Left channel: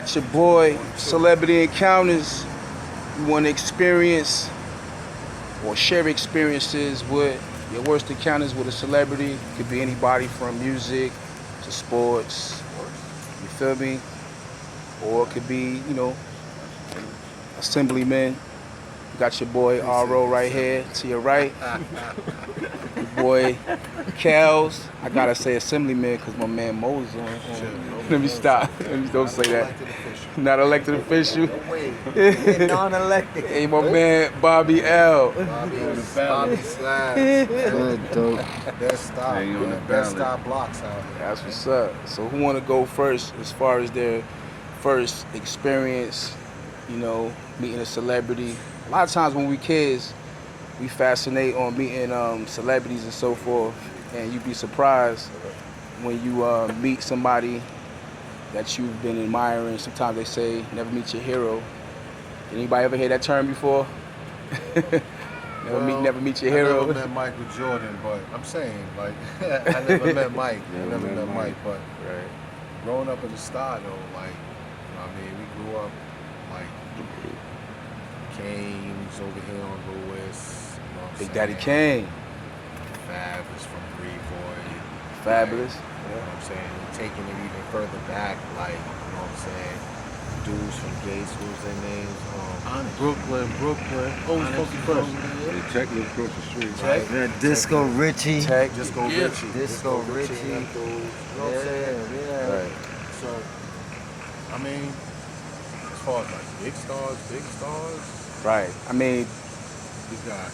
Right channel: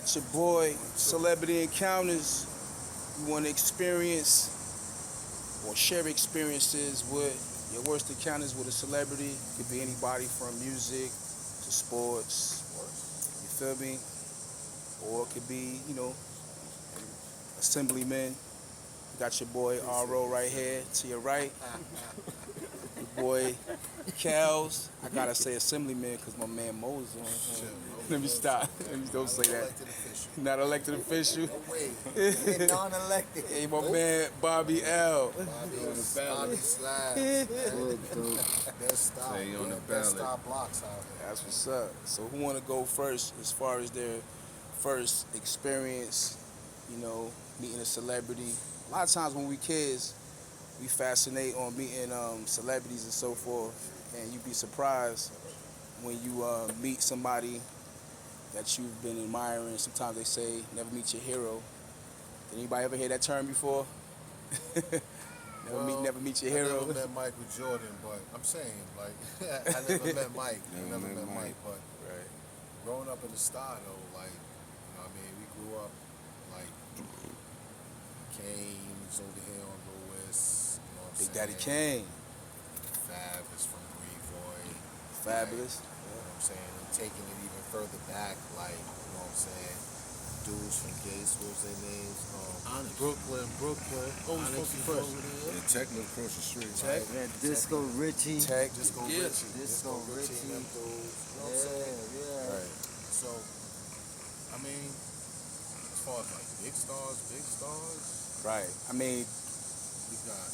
got your boy, Celebrity Encounters. You want to experience or share experiences with your worst encounters with a celebrity. Could be anybody from music to sports. You feel me? Or it could be, assemblyman. You got your boy R.O. right here to your right. Your boy Skillz. I gotta say assemblyman because my man Mo's on. Let me stop. Let me don't say that. Not elected official. Non-elected. Hey, my man Bobby.L. Bobby Slash. Good, dope. Best stop. Best stop blocks out there. That's what's up. So who wanna go first as far as their first experience, meeting a celebrity? A lot of times when we kids, we fascinate on meeting celebrities and so forth, and you'd be surprised when you meet somebody that you've been admiring. Sometimes they say, never meet your hero. Anybody ever hear that term before? Never meet your hero. I never met Michael Jordan, but I'm saying, like, I never met Mike. Never met Mike, but growing up in the star, though, like, we grew up, like, Kane's over here on Lewis. Big Daddy Kane. Fabulous from Brevoy. Fabulous. You know what I'm saying? Taking it even further back, like, you know what I'm saying? Dudes from Gates, who's their names? Brooklyn. Always fucking fresh. The technical across the street. Right? Yeah, Disco Richie. Disco Richie. Disco Richie. You know what I'm saying? Yeah. Right. So, as far as like big stars. Right. We got.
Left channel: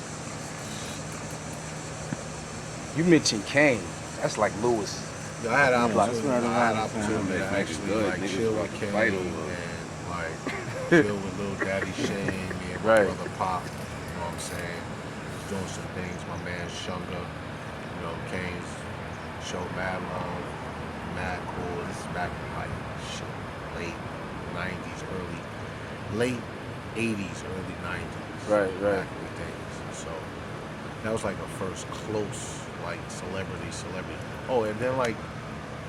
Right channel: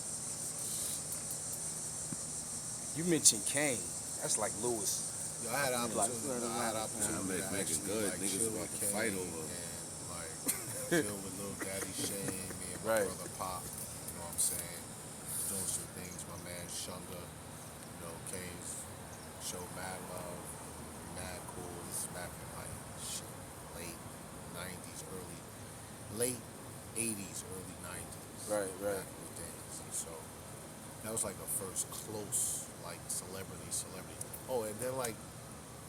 You mentioned Kane. That's like Lewis. I had opportunity. right I had around opportunity the to town. actually Good. like Niggas chill about with to Kane fight and over. like chill with Lil Daddy Shane, me and my Right. brother Pop. You know what I'm saying? Doing some things. My man Shunga. Kane's show mad long, mad cool. This is back in like late 90s, late 80s, early 90s. Right. Back in the days. So that was like a first close like celebrity. Oh, and then like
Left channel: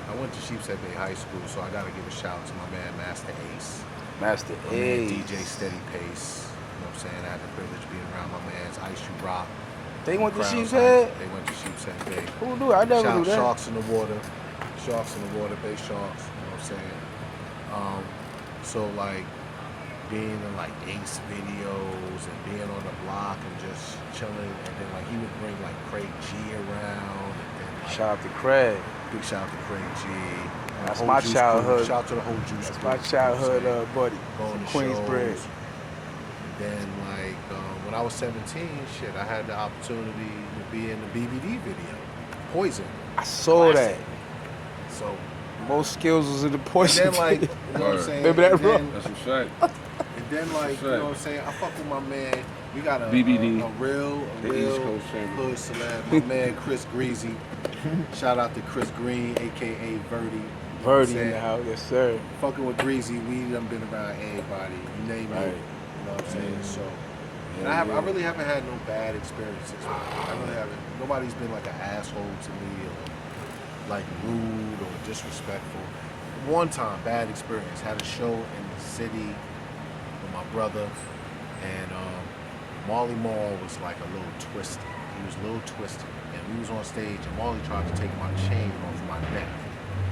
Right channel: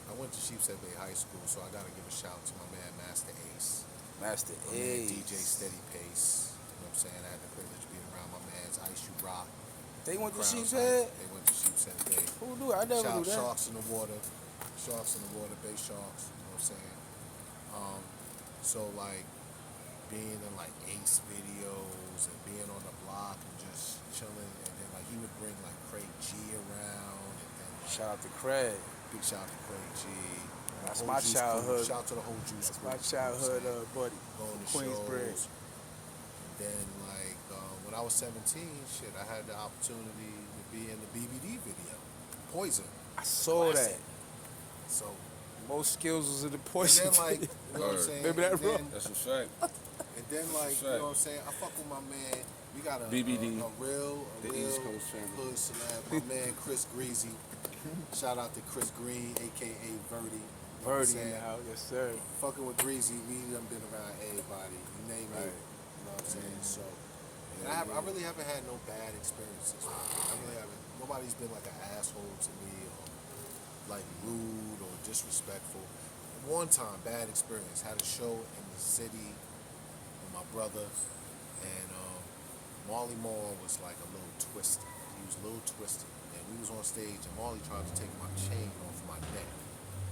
I went to Sheepshead Bay High School, so I gotta give a shout out to my man Master Ace. Master My man Ace. DJ Steady Pace. You know what I'm saying? I had the privilege of being around my man's Ice You Rock. They went to Crowns Sheepshead? They went to Sheepshead Bay. Who knew? I never knew that. Sharks in the water. Bay Sharks. You know what I'm saying? So like being in like Ace videos and being on the block and just chilling, and then like he would bring like Craig G around, and then like, Shout out to Craig. big shout out to Craig G. That's Whole my Juice childhood. Crew. Shout out to the whole Juice That's Crew, my you know childhood what I'm saying? buddy. Going to Queensbridge. shows. And then like when I was 17, I had the opportunity to be in the BBD video, Poison. I saw Classic. that. So Most Skillz was in the and Poison. then like, you know what I'm saying? Remember that, And bro? then- That's a fact. And then like, you know what I'm saying? I fuck with my man. We got a BBD. a real The East Coast family. hood celeb. My man Chris Greasy. Shout out to Chris Green, aka Verdi. Birdie in the house, yes sir. Fucking with Greasy, we done been around everybody. You name Right. it. You know what I'm saying? So, and I really haven't had no bad experiences. I really haven't. Nobody's been like an asshole to me or like rude or disrespectful. One time, bad experience. Had a show in the city with my brother, and Marley Marl was like a little twisted. He was a little twisted, and we was on stage, and Marley tried to take my chain off my neck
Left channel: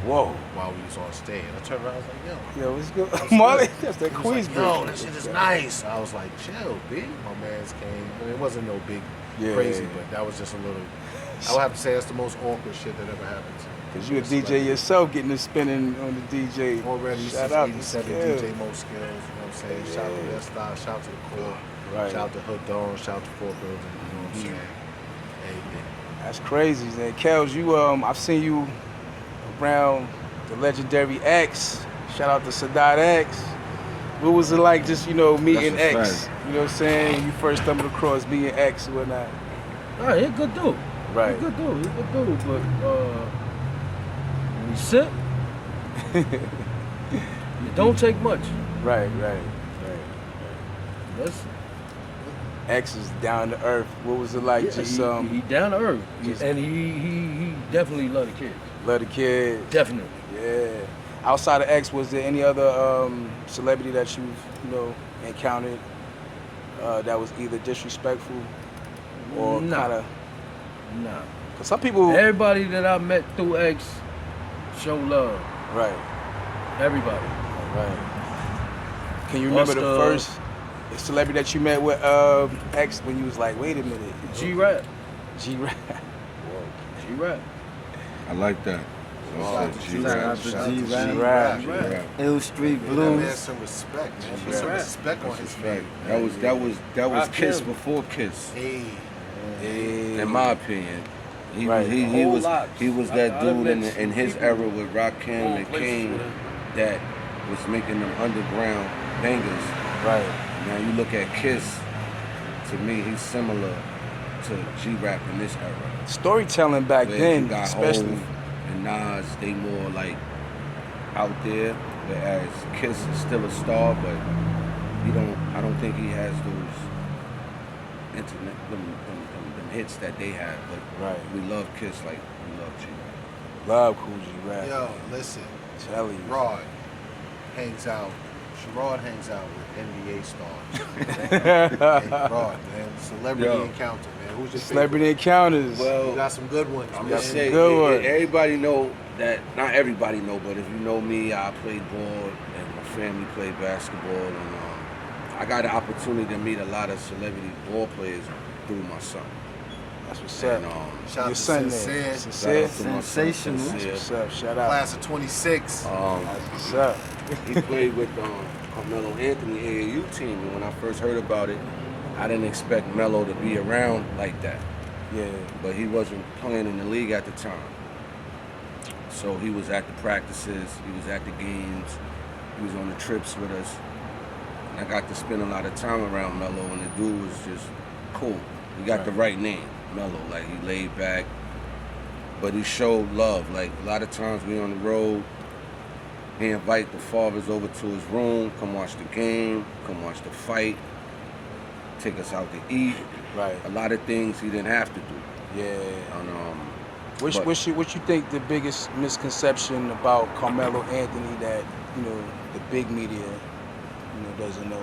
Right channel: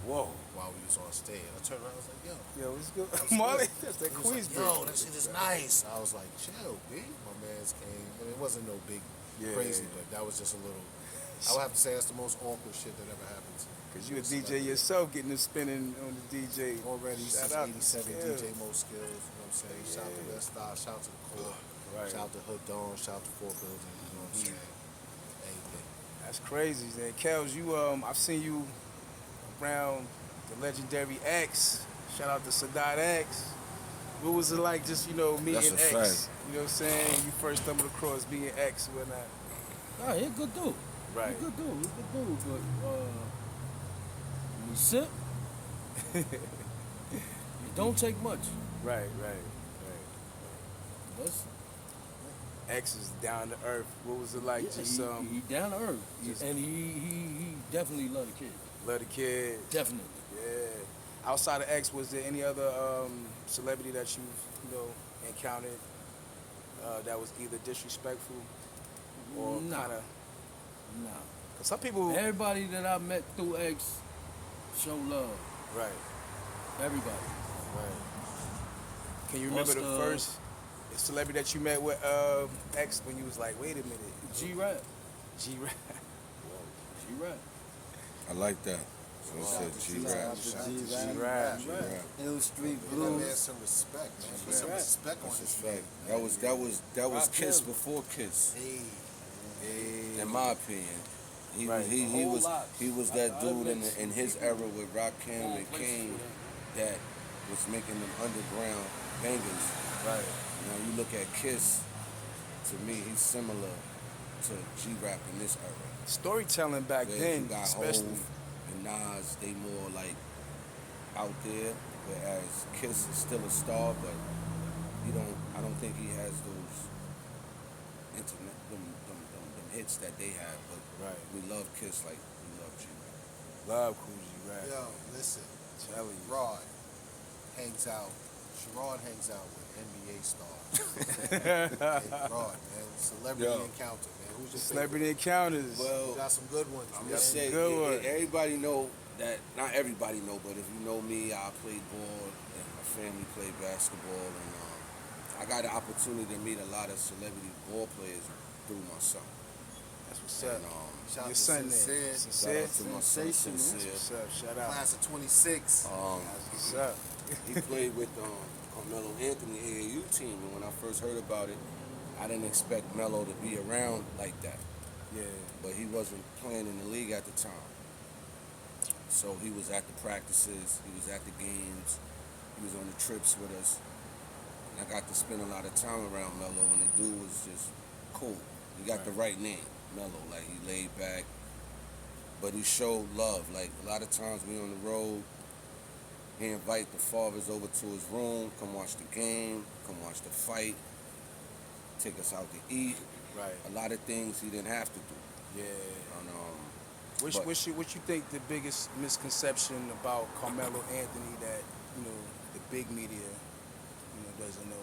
Whoa. while we was on stage. I turned around, I was like, yo. Yo, what's good? Molly, that's that He was like, Queensbridge. yo, that shit is nice. I was like, chill, B. My man's came. It wasn't no big crazy, but that was just a little. I would have to say that's the most awkward shit that ever happened to me. Cause you a DJ yourself, getting to spinning on the DJ. Already Shout since out to 87, Skillz. DJ Mo Skillz. You know what I'm saying? Shout out to that style. Shout out to the core. Right. Shout out to Hood Dawn. Shout out to Fort Building. You know what I'm saying? Everything. That's crazy, man. Kels, you I've seen you around the legendary X. Shout out to Sadat X. What was it like just, meeting That's a X? fact. You know what I'm saying? When you first stumbled across meeting X or whatnot. Alright, he a good dude. Right. He a good dude, but when he sip, it don't take much. Right. That's, X is down to earth. What was it like? yeah, Just he down to earth, just- and he definitely love the kids. love the kids. Definitely. Yeah. Outside of X, was there any other celebrity that you've encountered that was either disrespectful or Nah. kind of? Nah. Cause some people, Everybody that I met through X show love. right, Everybody. right. Can you remember the Busta. first celebrity that you met with X when you was like, wait a minute, G-Rap. G-Rap? G-Rap. I like that. Shout out to G-Rap. G-Rap. Shout Shout out out to to G-Rap. G-Rap. Ill Street Give that man Blues. some respect, man. Put Yeah. some respect on his name. That was Rock Kiss him. before Kiss. Hey. In my opinion. He Right. was he Whole was lot. he was that I dude in, met in his people era with Rakim going and places King with him. that was making them underground bangers. Right. Now you look at Kiss, to me he's similar to G-Rap in this era. Storytelling back Where then, you got especially. Hov and Nas, they more like out there, whereas Kiss is still a star, but I don't think he has those internet them hits that they had. But Right. we love Kiss like we love G. Love Cool G-Rap. Yo, listen. Telling you. Rod hangs out. Sherrod hangs out with NBA stars. Hey, Rod, man. Celebrity Yo. encounter, man. Who's your Celebrity Encounters. Well, You got some good ones, I'm man. gonna say good one. everybody know that. Not everybody know, but if you know me, I played ball and my family played basketball, and I got an opportunity to meet a lot of celebrity ball players through my son. That's what's up. And, Shout out Your to son Sincere. there. shout Sincere. out to my son, Sensational. That's Sincere. what's up. Shout out. Class of 26. That's what's up. He played with Carmelo Anthony AAU team, and when I first heard about it, I didn't expect Melo to be around like that. Yeah. But he wasn't playing in the league at the time. So he was at the practices, he was at the games, he was on the trips with us. And I got to spend a lot of time around Melo, and the dude was just cool. He got the right name, Melo. Like, he laid back, but he showed love. Like, a lot of times we on the road, he invite the fathers over to his room, come watch the game, come watch the fight, take us out to eat. Right. A lot of things he didn't have to do. Yeah. And, What you think the biggest misconception about Carmelo Anthony that the big media doesn't know?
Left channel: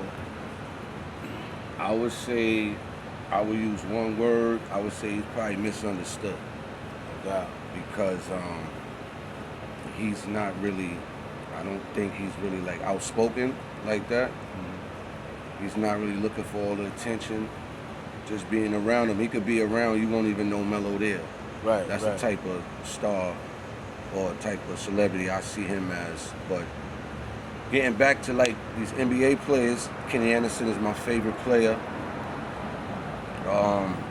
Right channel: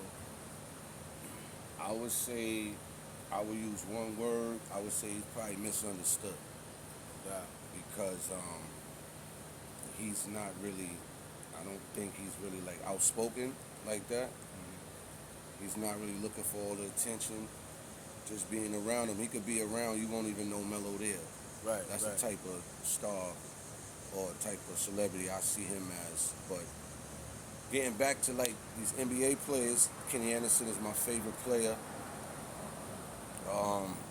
I would say, I would use one word. I would say he's probably misunderstood. Yeah. Because he's not really, I don't think he's really like outspoken like that. He's not really looking for all the attention. Just being around him. He could be around, you won't even know Melo there. Right. That's right. the type of star or type of celebrity I see him as. But getting back to like these NBA players, Kenny Anderson is my favorite player.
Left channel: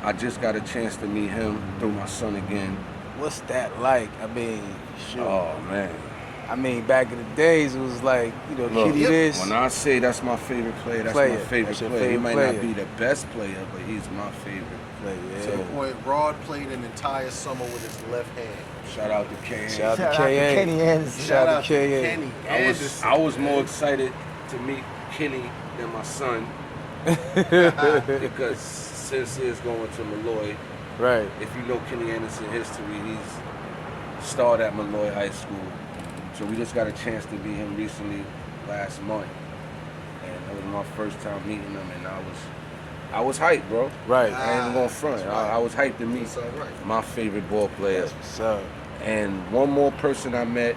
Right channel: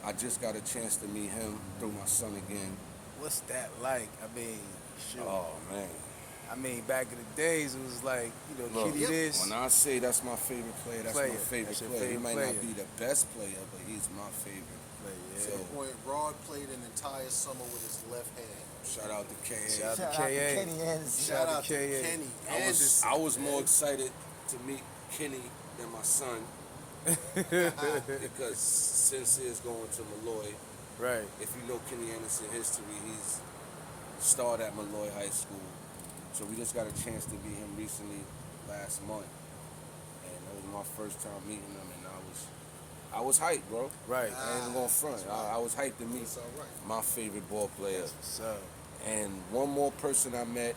I just got a chance to meet him through my son again. What's that like? I mean, sure. Oh man. I mean, back in the days, it was like, Look, kitty this. when I say that's my favorite player, that's my favorite That's your player. He favorite might player. not be the best player, but he's my favorite. Yeah. So, Boy, Rod played an entire summer with his left hand. shout out to K. Shout out A. to K.A. Kenny Anderson. Shout out to K.A. Kenny I Anderson. was more excited to meet Kenny than my son because since he's going to Malloy, Right. if you know Kenny Anderson history, he's starred at Malloy High School. So we just got a chance to meet him recently last month, and that was my first time meeting him, and I was hyped, bro. Right. I ain't gonna front. I was hyped to meet That's all right. my favorite ball player. That's what's up. And one more person I met,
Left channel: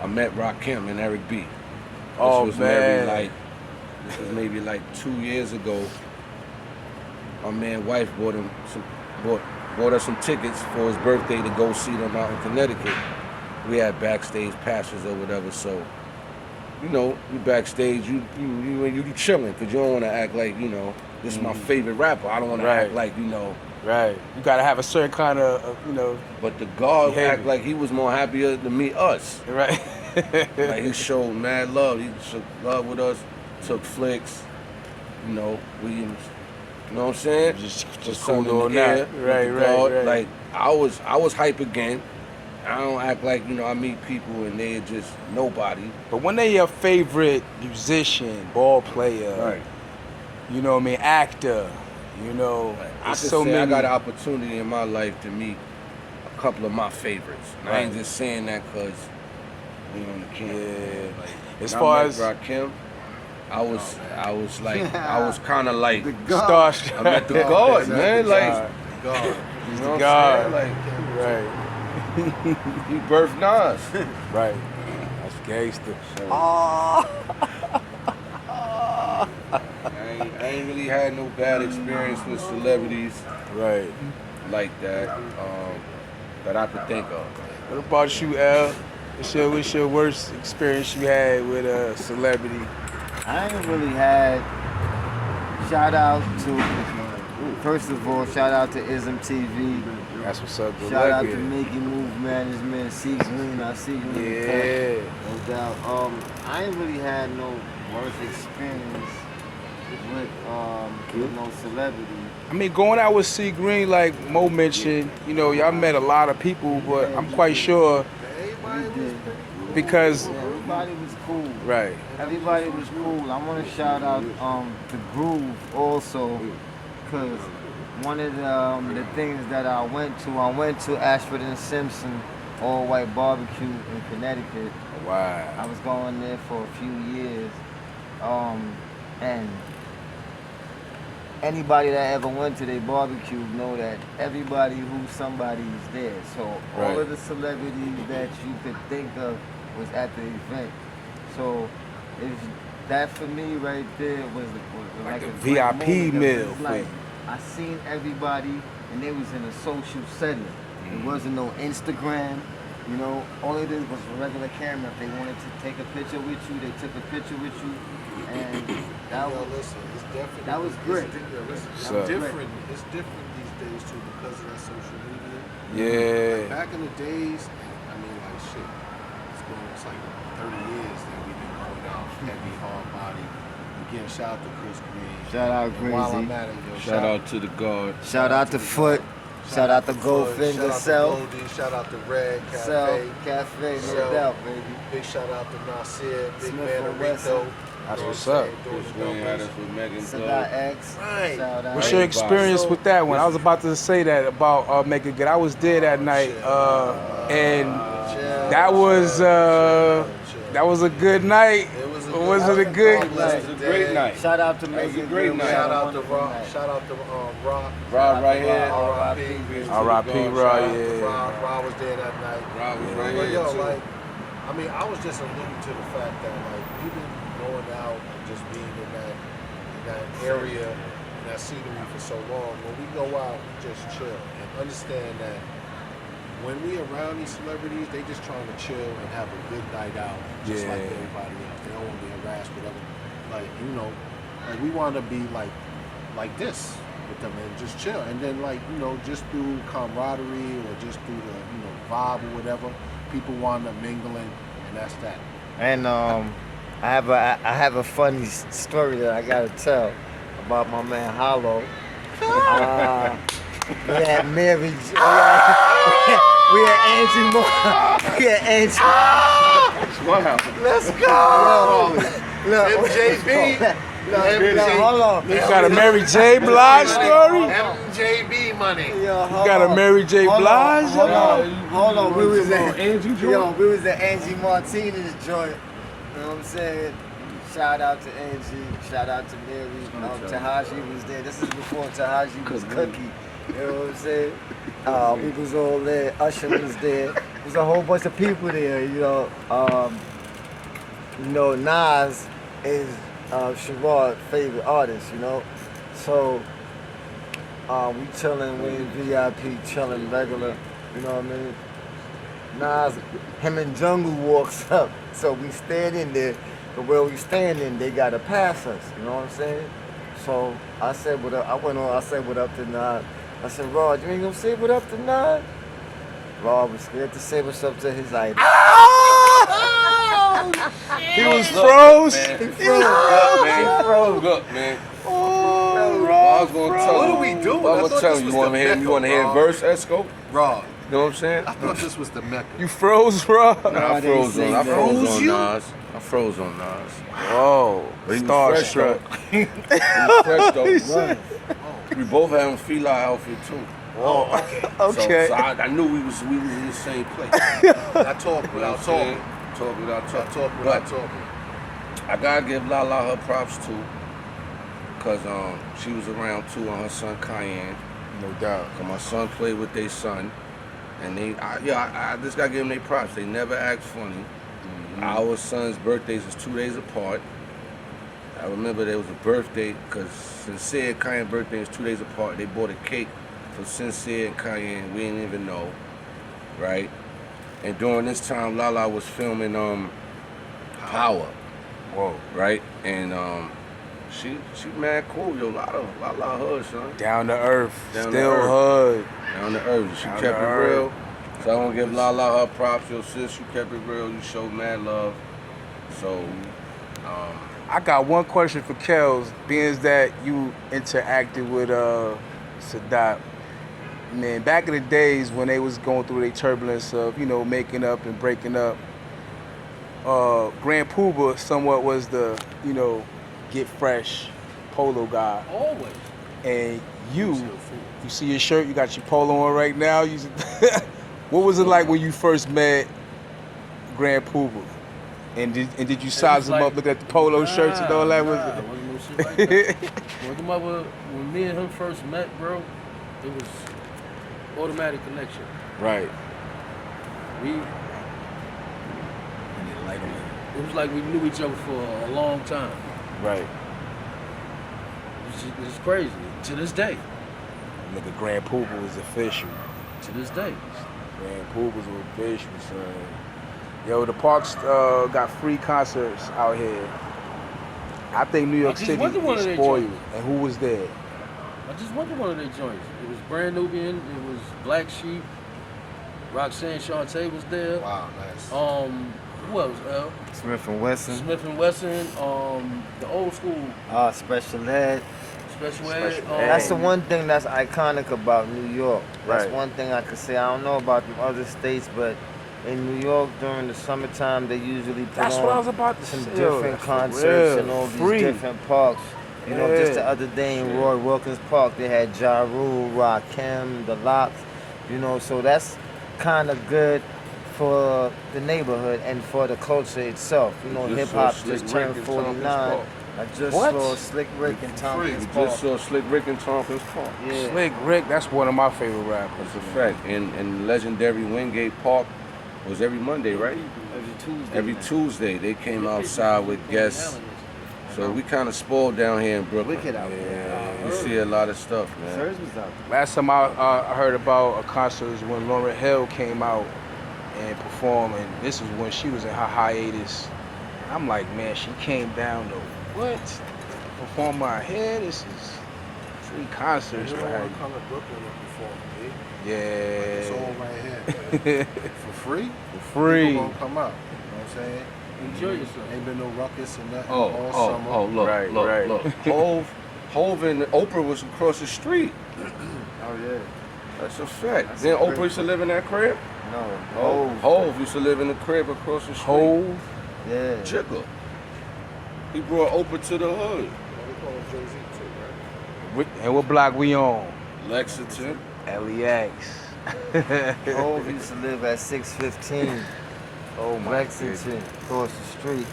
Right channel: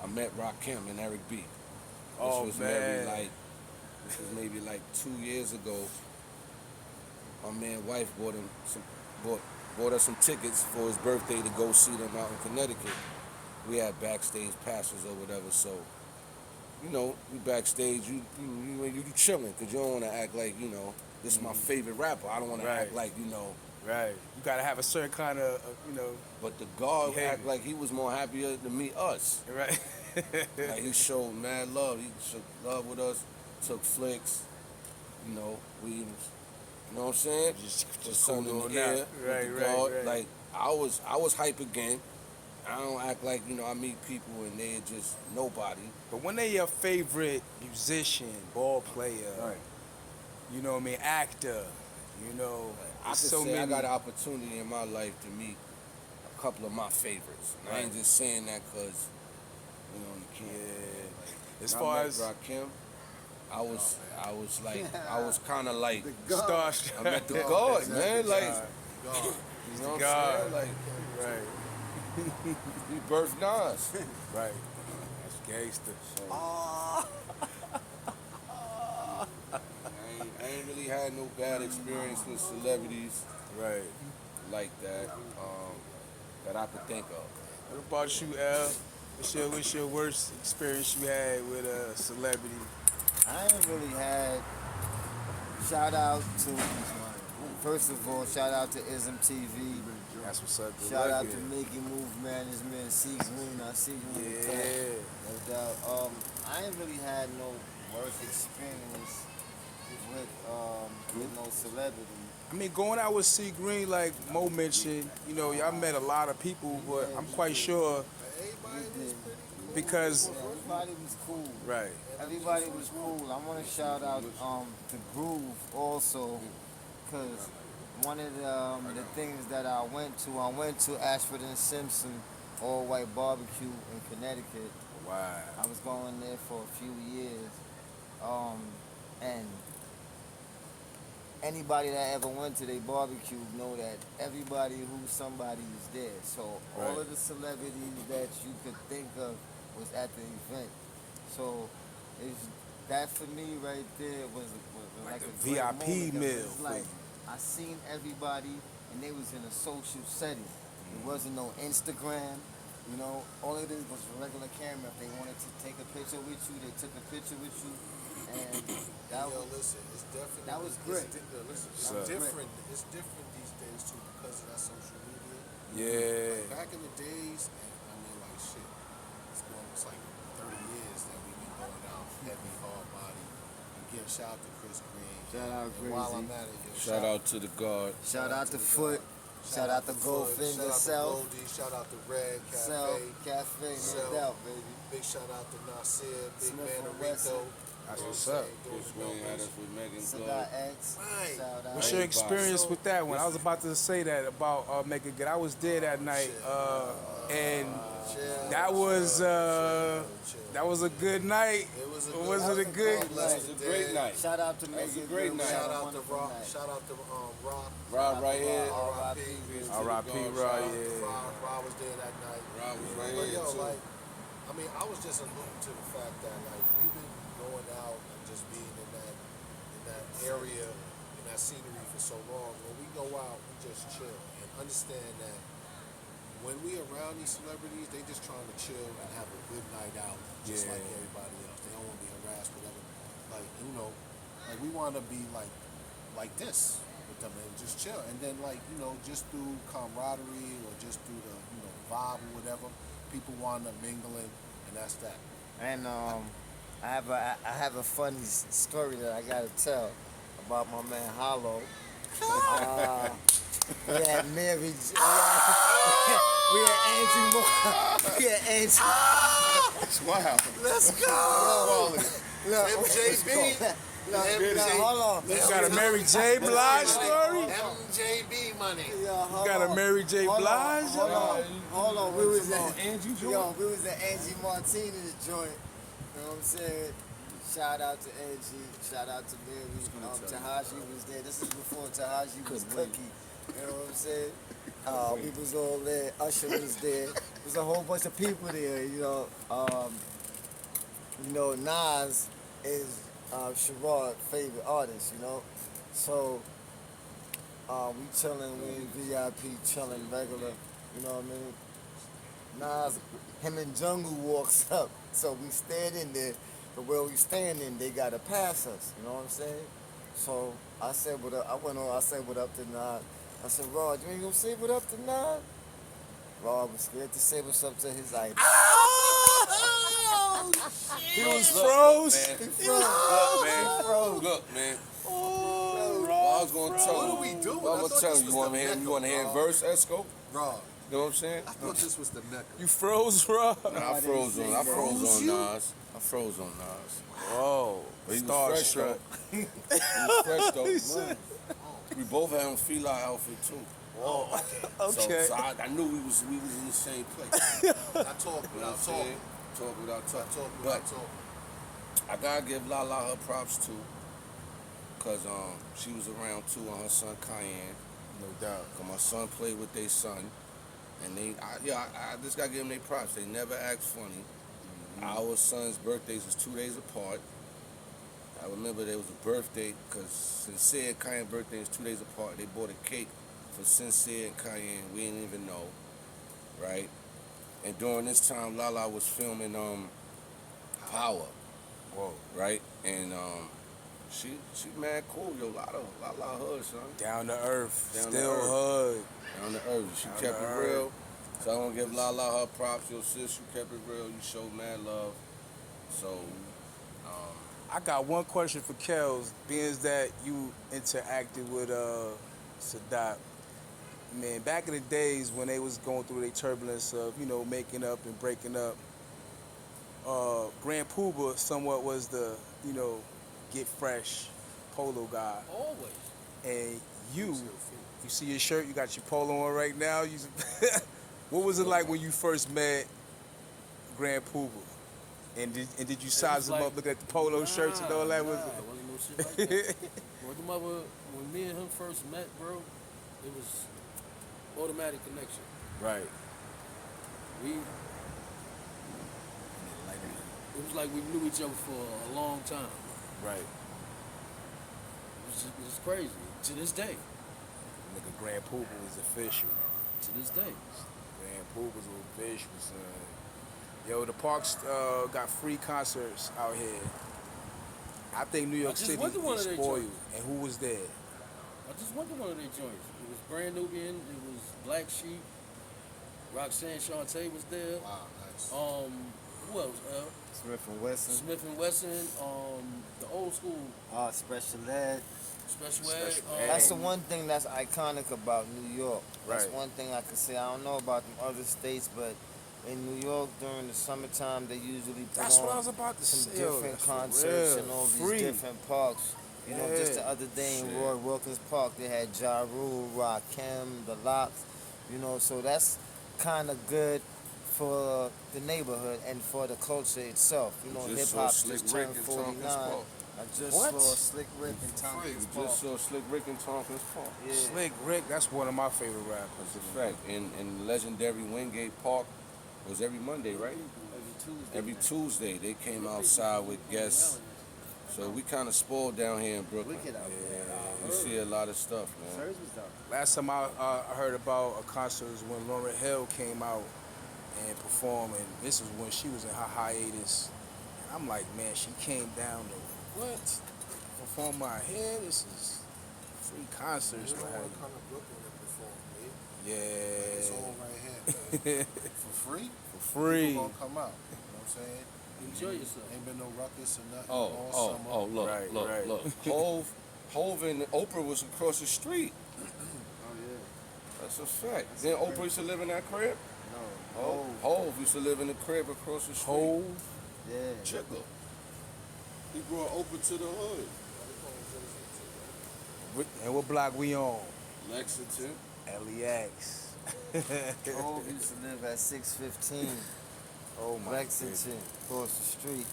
I met Rakim and Eric B. Oh, This man. This was maybe like 2 years ago. My man wife bought us some tickets for his birthday to go see them out in Connecticut. We had backstage passes or whatever, so you backstage, you chilling, because you don't want to act like, this is my favorite rapper. I don't want to act like, Right. You gotta have a certain kind of, But the guard Behavior. act like he was more happier to meet us. right. Like, he showed mad love. He showed love with us, took flicks, we, you know what I'm saying? Just sun cool in the on air that. with Right, the right, guard. right. Like, I was hype again. I don't act like, I meet people and they're just nobody. But when they your favorite musician, ball player, you know what I mean, actor, I there's could so say many. I got an opportunity in my life to meet couple of my favorites. And I ain't just saying that because we on the camp. Yeah. Like, As when far I met as Rakim, I was like, I was kind of like, starstruck. I met the God, man. Like, God. you know what God. I'm saying? Right. Like, he birthed Nas. Right. That's gangster. I ain't really had no bad experience with celebrities Right. like that that I could think of. What about you, L? What's your worst experience you had with a celebrity? I ain't really had. Shout out to, first of all, shout out to ISM TV. That's what's up. Good Shout luck out with to it. Making Move Management, C Green. I see you in the cut. Yeah. No doubt. I ain't really had no worst experience with no celebrity. I mean, going out with C Green, like Mo mentioned, you know, y'all met a lot of people, but I'm quite sure because Everybody was cool. right. Everybody was cool. I want to shout out to Groove also, because one of the things that I went to Ashford and Simpson all white barbecue in Connecticut. Wow. I was going there for a few years, and anybody that ever went to their barbecue know that everybody who's somebody is there. So all Right. of the celebrities that you could think of was at the event. So that for me right there was like a great VIP moment. meal It's for like, you. I seen everybody and they was in a social setting. It wasn't no Instagram. You know, all it is was a regular camera. If they wanted to take a picture with you, they took a picture with you, and that was Listen, it's definitely, that was great. So- It's different. It's different these days too because of that social media. Yeah. Like back in the days, I mean, like shit. It's like 30 years that we've been going down heavy, hard body. Again, shout out to Chris Green. Shout out And while I'm Greasy. at it, yo, Shout out to the God. Shout out to Foot. Shout out to Goldfinger Self. Shout out to Red Self Cafe. Cafe, no Self. doubt, baby. Big shout out to Nasir, Big Smith Man and Rico. Wesson. That's what's You know up. what I'm saying? Doing Chris the Green had numbers. us with Megan Cigar Thug. X. Right. Shout out. What's your experience with that one? I was about to say that about Make It Good. I was there that night, and that was a good night. Was it a good? It was a great night. Shout out to That was a Megan. great Good. night. Shout out to Wonderful Rob. night. Shout out to Rob. Rob right here. R.I.P. R.I.P. Rob, yeah. Rob was there that night. Rob was right But here yo, too. like, I mean, I was just alluding to the fact that like we've been going out and just being in that area, in that scenery for so long. When we go out, we just chill and understand that when we around these celebrities, they just trying to chill and have a good night out, just like Yeah. everybody else. They don't want to be harassed, whatever. Like, you know, like we want to be like this with them and just chill. And then like, you know, just through camaraderie or just through the, you know, vibe or whatever, people want to mingling, and that's that. And I have a funny story that I gotta tell about my man Hollow. We had Mary. We had Angie Moore. We had Angie. Wow. Let's go. Look, MJB. hold on. You got a Mary J. Blige story? MJB money. You got a Mary J. Blige? Hold on. We was at Angie we was at Angie Martinez joint. You know what I'm saying? Shout out to Angie. Shout out to Mary. Tahaji was there. This is before Tahaji was Cookie. You know what I'm saying? We was all there. Usher was there. There's a whole bunch of people there. You know, Nas is Sherrod's favorite artist. You know, so we chilling, we in VIP, chilling regular. You know what I mean? Nas, him and Jungle walks up, so we stand in there. But where we standing, they gotta pass us. You know what I'm saying? So I said what up. I went on. I said what up to Nas. I said, Rod, you ain't gonna say what up to Nas? Rod was scared to say what's up to his idol. He was froze. Man. He He froze. froze up, man. I was gonna tell What you. are we doing? I I was thought telling this you. was You want the to hear? You Mecca, want to hear Rob. verse, Esco? Rob, You know what I'm saying? I thought this was the Mecca. You froze, bro. Nah, I they froze say on. I that. froze Froze on you? Nas. I froze on Nas. Whoa. But he was fresh, Starstruck. though. He was fresh though. We both had him fila outfit too. Oh, okay. So I knew we was in the same place. I talk without talking. Talk without I talking. talk without talking. I gotta give Lala her props too, cause she was around too on her son Cayenne. No doubt. Cause my son played with their son, and I just gotta give them their props. They never act funny. Our son's birthdays is 2 days apart. I remember there was a birthday, cause Sincere and Cayenne birthday is 2 days apart. They bought a cake for Sincere and Cayenne. We didn't even know, right? And during this time, Lala was filming Power. Whoa. Right? And she mad cool, yo. Lala hood, son. Down to earth. Down to Still earth. hood. Down to earth. She Down kept to it earth. real. So I want to give Lala her props. Yo, sis, you kept it real. You showed mad love. So, I got one question for Skillz. Being as that you interacted with Sadat, man, back in the days when they was going through their turbulence of, making up and breaking up, Grand Poobah somewhat was the, get fresh polo guy. Always. And you see your shirt, you got your polo on right now. What was it like when you first met Grand Poobah? And did you size him up, look at the polo shirts and all that? Wasn't no shit like that. When me and him first met, bro, it was automatic connection. Right. It was like we knew each other for a long time. Right. It's crazy. To this day. Nigga, Grand Poobah was official. To this day. Grand Poobah was official, son. Yo, the parks got free concerts out here. I think New York just City went to one is of their spoiled. joints. And who was there? I just went to one of their joints. It was Brand Nubian. It was Black Sheep. Roxanne Shante was there. Wow, nice. Who else? Smith and Wesson. Smith and Wesson. The old school Special Ed. Special Ed. That's the one thing that's iconic about New York. That's Right. one thing I could say. I don't know about the other states, but in New York during the summertime, they usually put That's on what I was about to some say. different That's for concerts real. in all Free. these different parks. You know, just the Yeah. other day in Roy Wilkins Park, they had Ja Rule, Rakim, The Lox. You know, so that's kind of good for the neighborhood and for the culture itself. You know, Just hip saw hop Slick just Rick turned in Tompkins 49. Park. I just What? saw Slick Rick and Tompkins We Park. just saw Slick Rick in Tompkins Park. Yeah. Slick Rick, that's one of my favorite rappers. That's a fact. And legendary Wingate Park was every Monday, right? Every Tuesday. Every night. Tuesday they came outside with guests. So we kind of spoiled down here in Brooklyn. Wicked out there. We see a lot of stuff, man. Sirs was out Last time I heard about a concert was when Lauryn Hill came out and performed, and this was when she was in her hiatus. And I'm like, man, she came down to what? Perform out here? This is free concerts You for don't her. want to come to Brooklyn and perform, eh? Yeah. It's all right here. For free? For free. People gonna come out. You know what I'm saying? Enjoy yourself. Ain't been no ruckus or nothing all summer. look, Right, look, right. look. Hove and Oprah was across the street. Oh yeah. That's a fact. That's Then a Oprah crib. used to live in that crib? No. Hove used to live in the crib across the street. Hove. Yeah. Jigga. He brought Oprah to the hood. They call it Jersey too, right? And what block we on? Lexington. LEX. Hove used to live at 615 Oh my Lexington, across the street.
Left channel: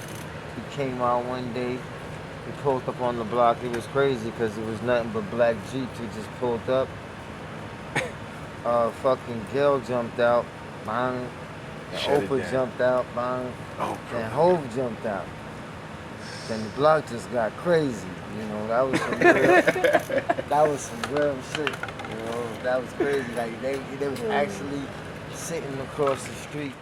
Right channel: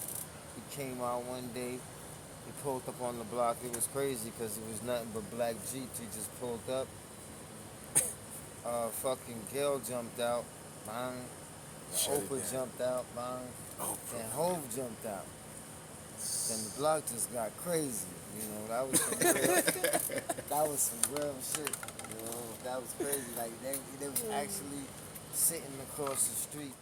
He came out one day. He pulled up on the block. It was crazy because it was nothing but black Jeeps. He just pulled up. Fucking Gail jumped out. Bang. Shut it Oprah down. jumped out. Bang. Oh, Then Hove jumped out. Then the block just got crazy. You know, that was some real, that was some real shit. You know, that was crazy. Like they was actually sitting across the street.